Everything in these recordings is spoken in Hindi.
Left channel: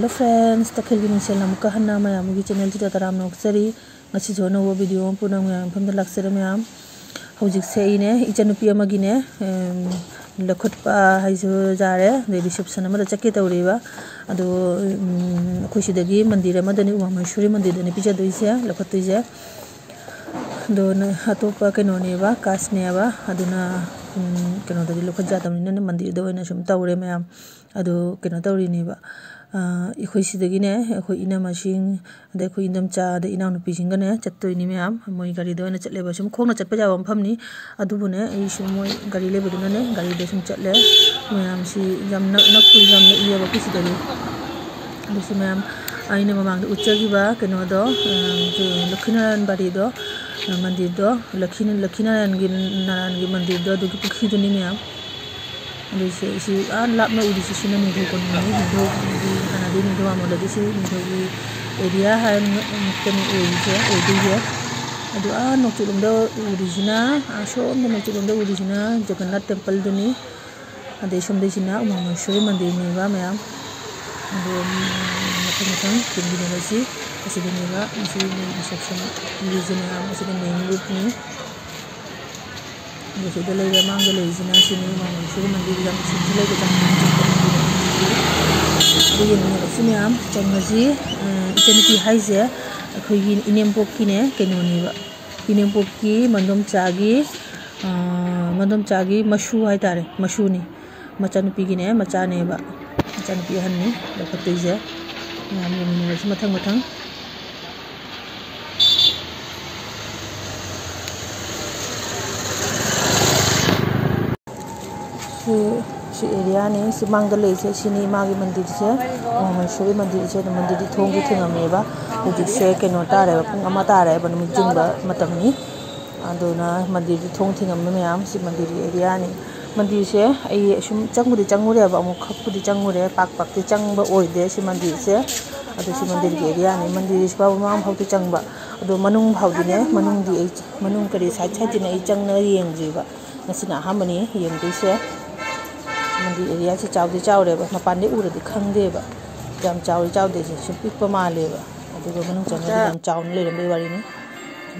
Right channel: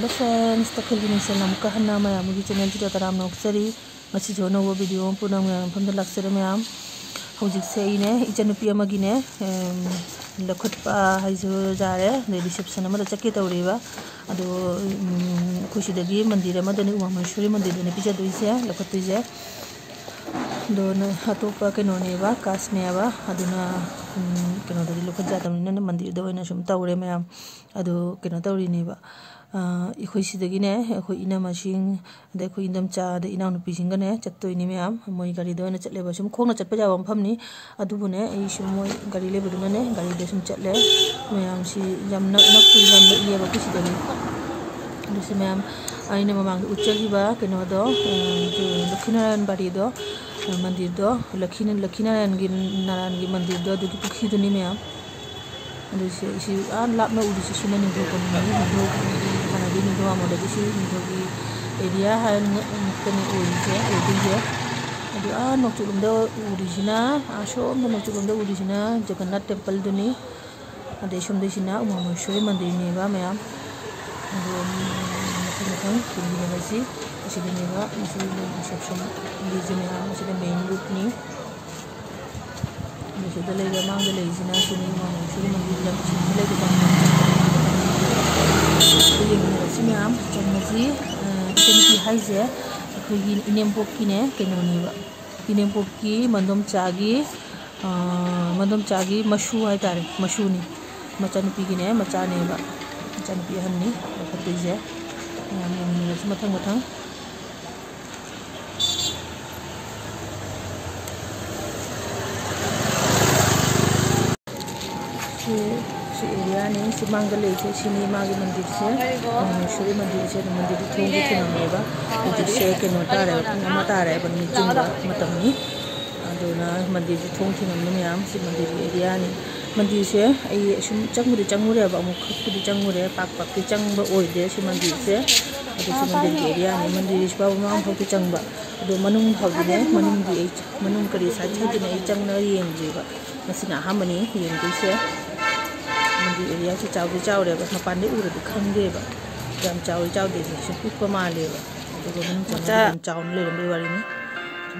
हेलो फ्रेंड्स तखिल गिनिसल नमुका हन्ना मयामुगी चैनल जिदा तराम नोक्सरी ngasi jo no video punang yang phamda laksere mayam hojik se ine ichanupi amagine lakhutpa haisu jare de reception amada chakki tawriba ado khushidagi mandir amadani umameshwari mandir dani pija doise lakhutuise do na hatopa kenone ba kasne ba aduna keno dadi lokhut jadamni na mandir do ina sum tawre mayam ado keno tawri ni ba इखोई सिदगिने इखोई इना मशिंग अदे इखोई इंदम चा अदे इना नुपी सिंगने चत्तोइनी मैम मोई गाड़ी दोना चटलेबा सुम खोंगना चटपा जाबा मफमनी अदुबुने ई सुम मोई गाड़ी लेबदुनाने गाड़ी दे सुम चटले मैम सि जम नकपुई जम लेबा कुसिदगी अदुसु मैम आइने ममांग उच्चगिबा केनोदो जो लखीनारायण बाड़ी दो मंदिर दो लखीनारायण गी मंदिर दो दुगी पुखिदुनी मैम अदुसे इसी लाप में उड़ी सुना निधो को निधो हानादी निधो आमोदगी सी निधो की एरिया है मुक्तनी उड़ीसे उड़ीजे अदु नोचुलुमदो उड़ीसिना सोमदो नोचुलुमदो उड़ीसिना जगन्नाथ टेम्पल दुनी अदे सोमदेसिना उमामेश्वरी मंदिर नेबा मैम अदु मथं किंगिनरसी असिदनेबा मसी रिसेप्शन लीजिना मसी मेन रूट नि जैसे लेगा मांग लेजिना सिनी उमामेश्वरी मंदिर जम सिले के तंग ये मैम चंगजी इचनपी हाइजे अखोगी इनेमपोक किने केनोनीबा इनेमपोक की मंदोम चागी मशु हाइतारे मशुनी मचानुपी गिने मचानेबा मचानुपी हन्नी लखतुइजे मैम ये मथंग si area ni si mangale se sini magi mandir se umameश्वरी मंदिर से मंदिर थोंगी थेंगमेबा हुजिक से केनो तारे अमा तारे बन मिजिंगा मतमनी अदुना मंदिर थोंग थेंगम मैम सि मंदिर एरिया नि मंदिर से आई सुम चंगुरे बा अमु खपुदी चंगुरे पाक की चंगबा ओइदे सि मंदिर से अदु सि मंदिर के एरिया नि मंदिर से बाबा मांग फाउती चंगबा अदु मनुंग फाउदिने मनुंग दी मनुंग करी साइड साइड दिने चंगना येंगजिबा मसिना हामनी येंगदिसे मंदिर एरिया से चावरे मपान उरदी खंगेबा जम चावदे से पिप मालेबा अदुगा मनुंग चंगना जम चावन लेरमबे वारिनी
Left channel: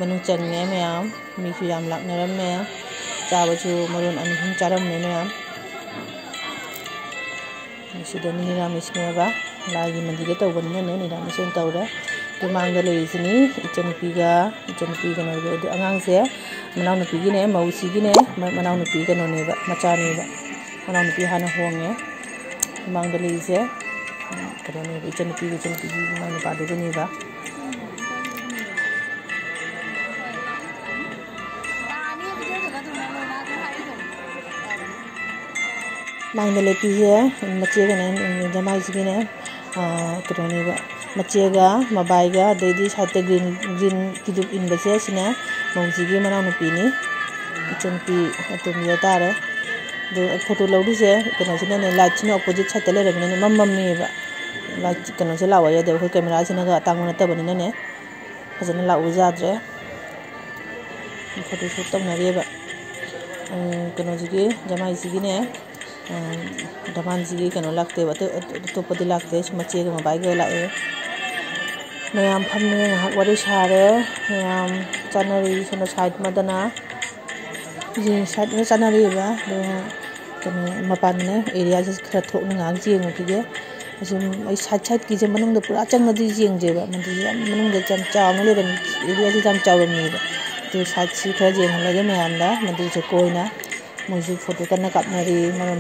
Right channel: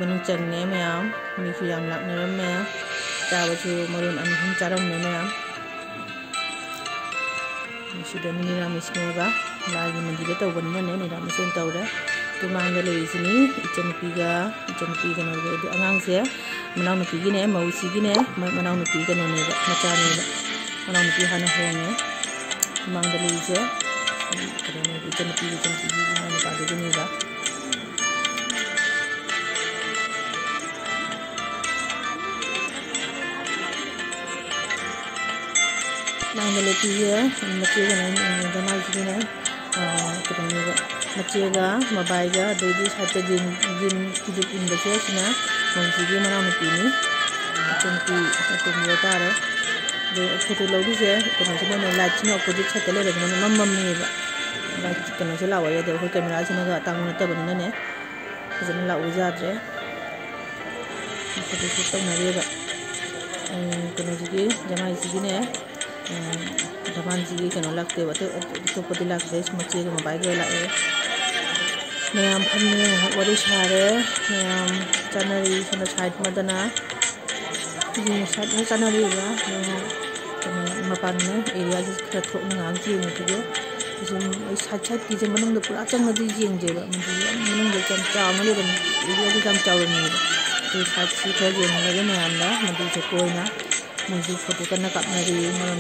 मनुंग चंगने मैम मीसु याम लाकनरमे चाबसु मरुन अनहुम चारमने मैम सिदनी निरामिसनेबा लागी मंदिर तौबनिने निरामिसन तौरे तुमांगदा लेरिसनी इचनपी कनो अंगांगसे मनाउनुपीगिने मौसीगिने मनाउनुपी कनोनेबा मचानेबा मनाउनुपी हाना होंगे मांगदलीसे करोने इचनपी माने पादुनेबा मांगदले पीए मचे गने जमाई सिने करोनेबा मचेगा मबाइगा देदी साथे ग्रीन किदुप इनबसे सिना मौसीगी मनाउनुपीनी इचनपी तुमजे तारे फोटो लौदीसे कनो से लाइट से अपोजिट साइड लेरगने मम्मीबा लाइट कनो से लावा यादे अखोई कैमरा सिना तांग नतबनिने फजन लाउ जाद्रे फोटो शूट तौनरेबा कनो जिगी जमाई सिगिने दमान जिगी कनो लागतेबा तोपदी लागते मचेगा मबाइगा लाए मैम फमने वरी सारे मैम चनरी सोना साइड मदना जी साइड में चनरीबा मपान एरिया से खरा थोकना गांग जेंगे साइड की मनुंग पूरा चंगदी जेंजेबा मनुंग जम चावना लेरम एरिया से जम चावरमीबा तो साइड से खरा जेंगलगे मैमदा मंदिर से कोइना मोजु फोटो कन्ना कापनरी मरन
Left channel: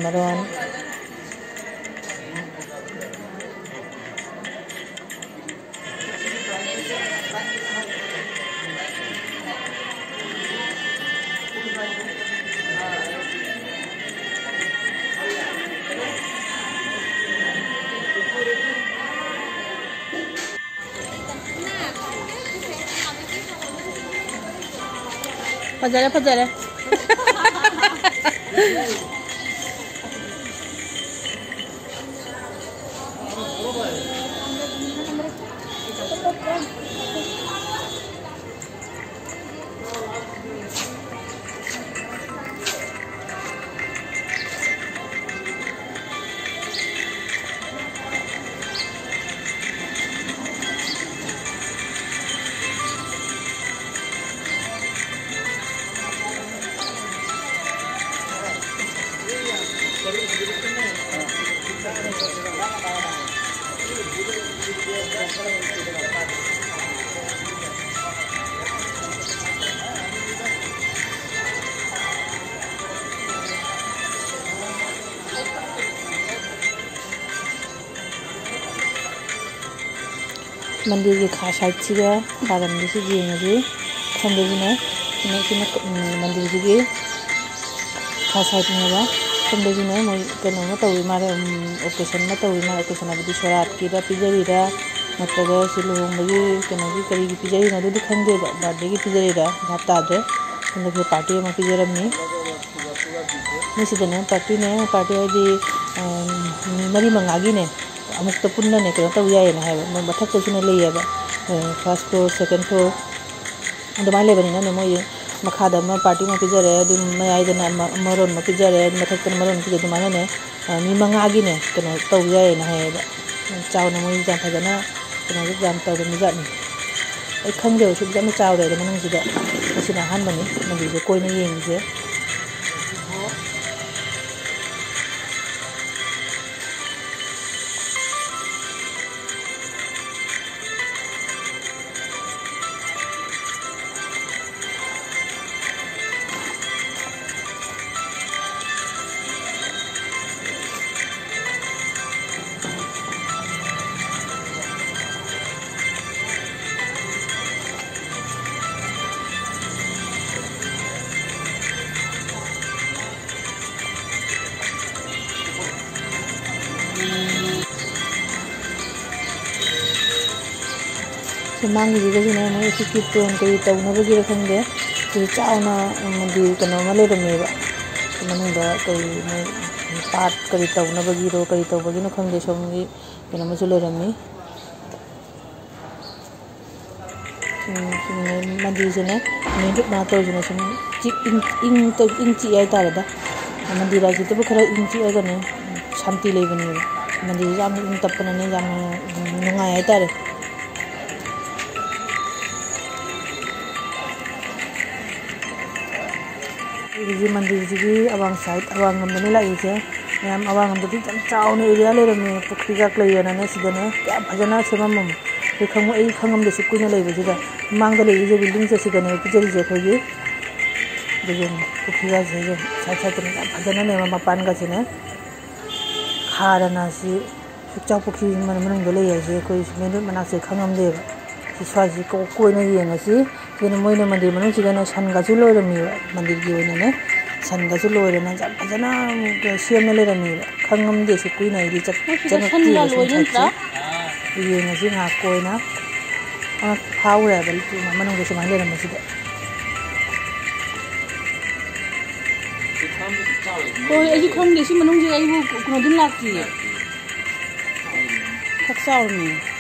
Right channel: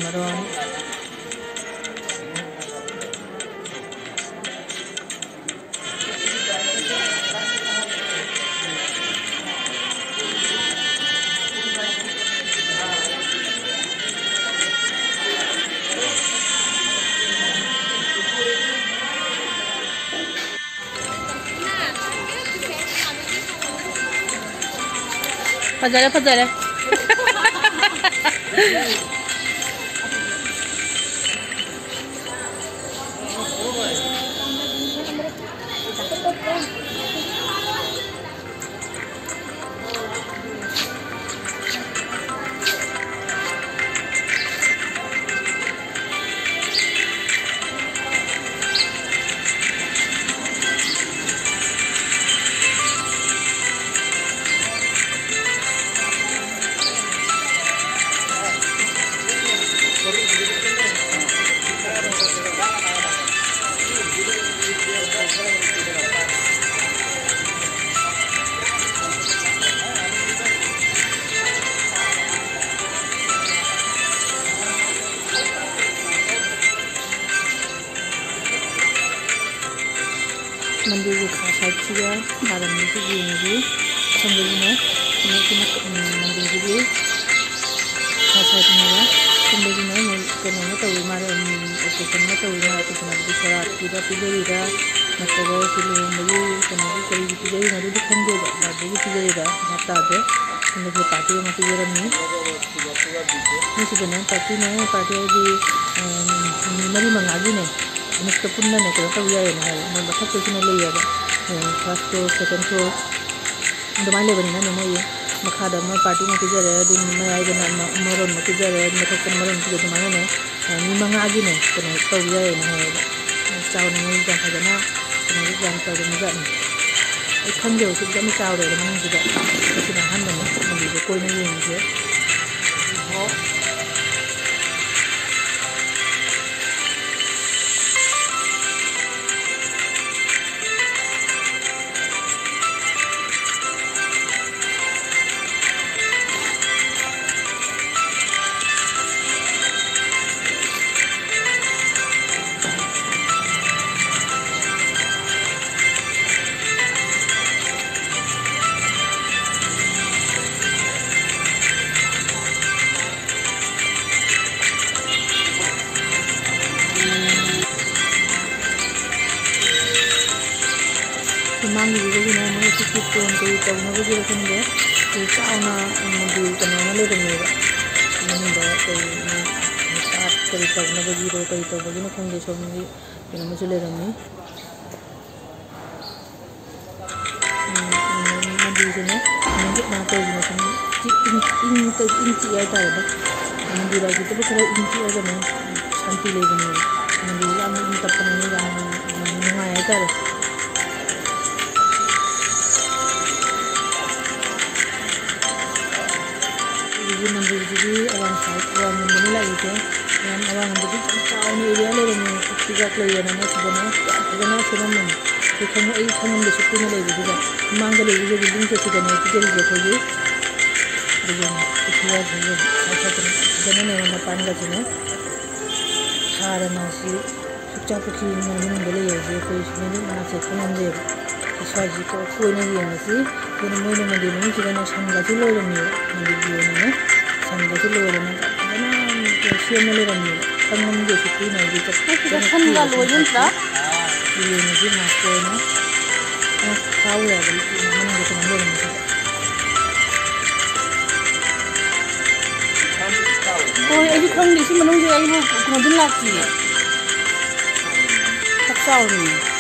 फजरे मंदिर की खास साइड से दागन से येंगे खंबेजिने मंदिर की खास साइड में खंबेजिने कनो तवी मारे ओकेशन ओकेशन अभी सोरात की पीजरीरा नत्रगा लुहोंबगी कनो की करी पीजरीना खंगे बर्थडे की पीजरीरा भाप तादे पार्टी में पीजरमी मीसीदने पार्टी है मरी मंगागी ने अमुक्त पुन्ना ने कनो तव यायना है मथक ने लेयेबा फर्स्ट फ्लोर सेकंड फ्लोर अदुमाय लेबनिना ने मोय मखादा में पार्टी में पीजरे मयाइदना मरोन में पीजरे मथक मरोन पीजे अदुमाय ने मी मंगागी ने कनो तव यायना है चावना मोय जाम फजना कनो जाम तव मिजानी ए खंगे ओसि जाम चावरे मनंग जिदा ओसिना हान बनी मंदिर कोइना येंगे मांग ने मोई टोन कई तौनबगी खंगे चावना मंदिर कनो लेरमेब मनुंग कई पाट कई तौनबगीरो कई तौबगी खंगे सोमगी कनो लेरमी मंदिर से ना तौजना इन ची है मंदिर की खरा इन चीगने शांति लेबने मंदिर इन तपने नुंगाई है मंदिर की अवांग साइड अवांग नंबने लाइसे मैम अवांग नंबदी चावने एरिया लेरमे पुखरी का क्लेयरने सिदने क्या फजना सेमम ए खंग ए खंगम दे सुकुने लेबेदिगा मांग लेबे बिल्डिंग से सिदने पिजरी जे खोगी देजन पुखरी का जे साइड फजना ने मपान का जने खारना सी सुचा पुखरी मनमन गले जे कोई मेनु मना से खंगम दे स्वाजी को कोइना येंगसी दिन मोइने मंदिर मन सिगने सनगासि लोइरमी मंदिर की ओइने सनगासि लोइरना फजना सेमने लेरमी खंगम दे सुकुइना दि चक सनगा लोइनत्रा येंगसि ना कोइना खाउरे बलि मनंगे समा लेरमी सिग कोइ एजु खंगदि सि मनंगे आइबो कोदिन लाकी सक्साउरमी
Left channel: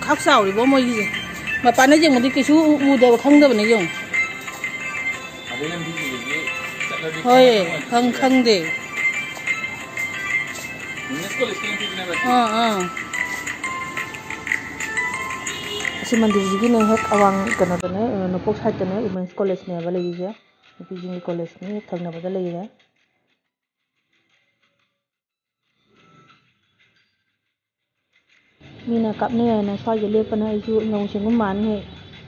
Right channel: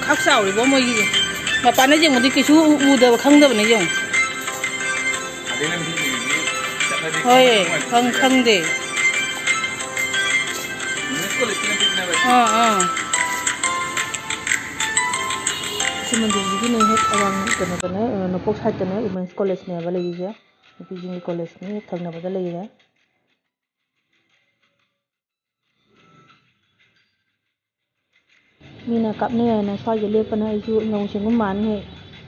खाक साउरिबो मोइगे मपाने जे मोदि किछु उदब खंगदबने जे होय खंगदे मंदिर की ने हेक अवांग कनोदने नपोक साइडने वुमेन्स कॉलेज ने बलेगे पीजी कॉलेज ने थंगनबदा लेगे मीना कापने है स्वाई लेपना नौसिंग माने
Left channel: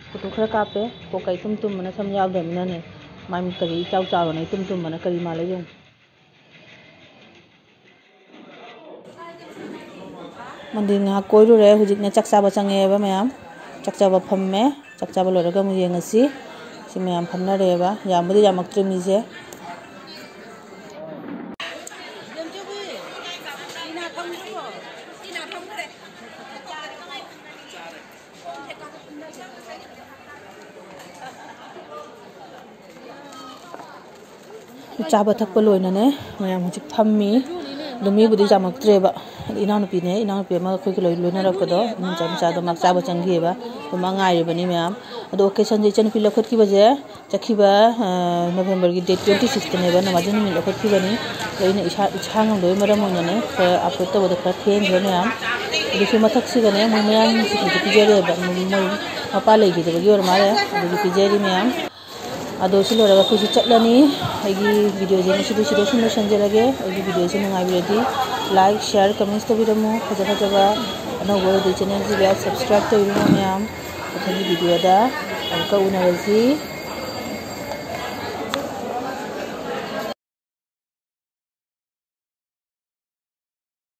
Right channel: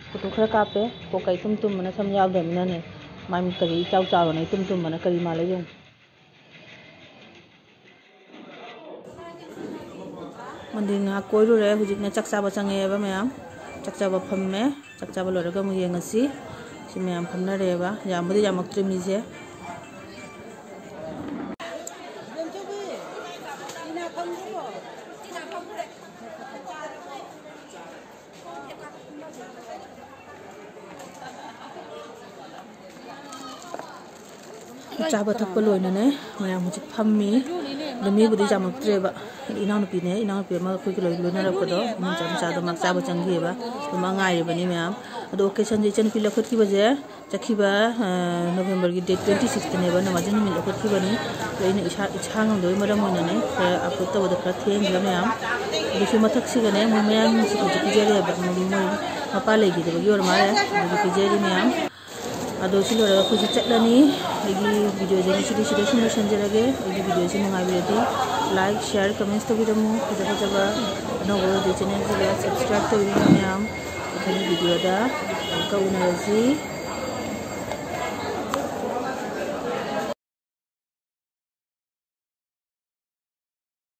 फोटो खरा कापे कोकई तुम मन सम यावदमिना ने मामी करी चाव चावने तुम मन करी माले जो मंदिर ना कोइरुरे हुजिकना चकचाबा चंगेबा मैम चकचाबा फम्मे चकचाबा लोरगा मु येंगसी सि मैम फमना रेबा यामबदि यामक्त्रे मिजे चाबा थक्पा लोइनाने मैम हुजिक फम्मी मीबुदी जामक्ट्रेबा इनानुपीने इनानुपी अमा अखोई लोई लोइनारकपदो इनाचा मचादो mak चाबा चंगीबा तुमा ngairibani मैम अदो ओकेशन जे चनपी लखटकी बजे चखीबा नवंबर की डेट 26 नेबा नमाजन मिल लखटकी बनी लोइने इछांगम दोय मरम ओइनाने अपलोड तबद खरा थेंग्रे मैम दिसि मथक्सिगने मोय मयाम सिखि पिजेरे मोय मपा लेगिदबगी और मारे अदो पिजेरी मैम अदो सिलोरगा खुजि चटलानी आइगी वीडियो जे सिदि सुन संजरगे आइगी वीडियो से नुंगाइबिरदि लाइक शेयर कमेंट्स तबिरमु फजा फजाबा अनौबो दि चैनल जे सब्सक्राइब तबिरमु मैम अथनि वीडियो दा अमका उनारजी